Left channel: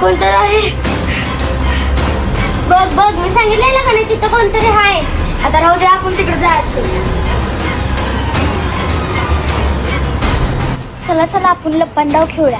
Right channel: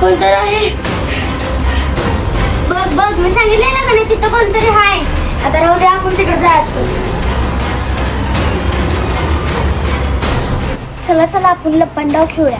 कोणतर आहे. बघ बघ मी सांगितलेलं का नाही तिथं कोणतरी आहे. आता राहू दे, आपण तिकडे जायचं. चला चला आपण लपंडाव खेळूया.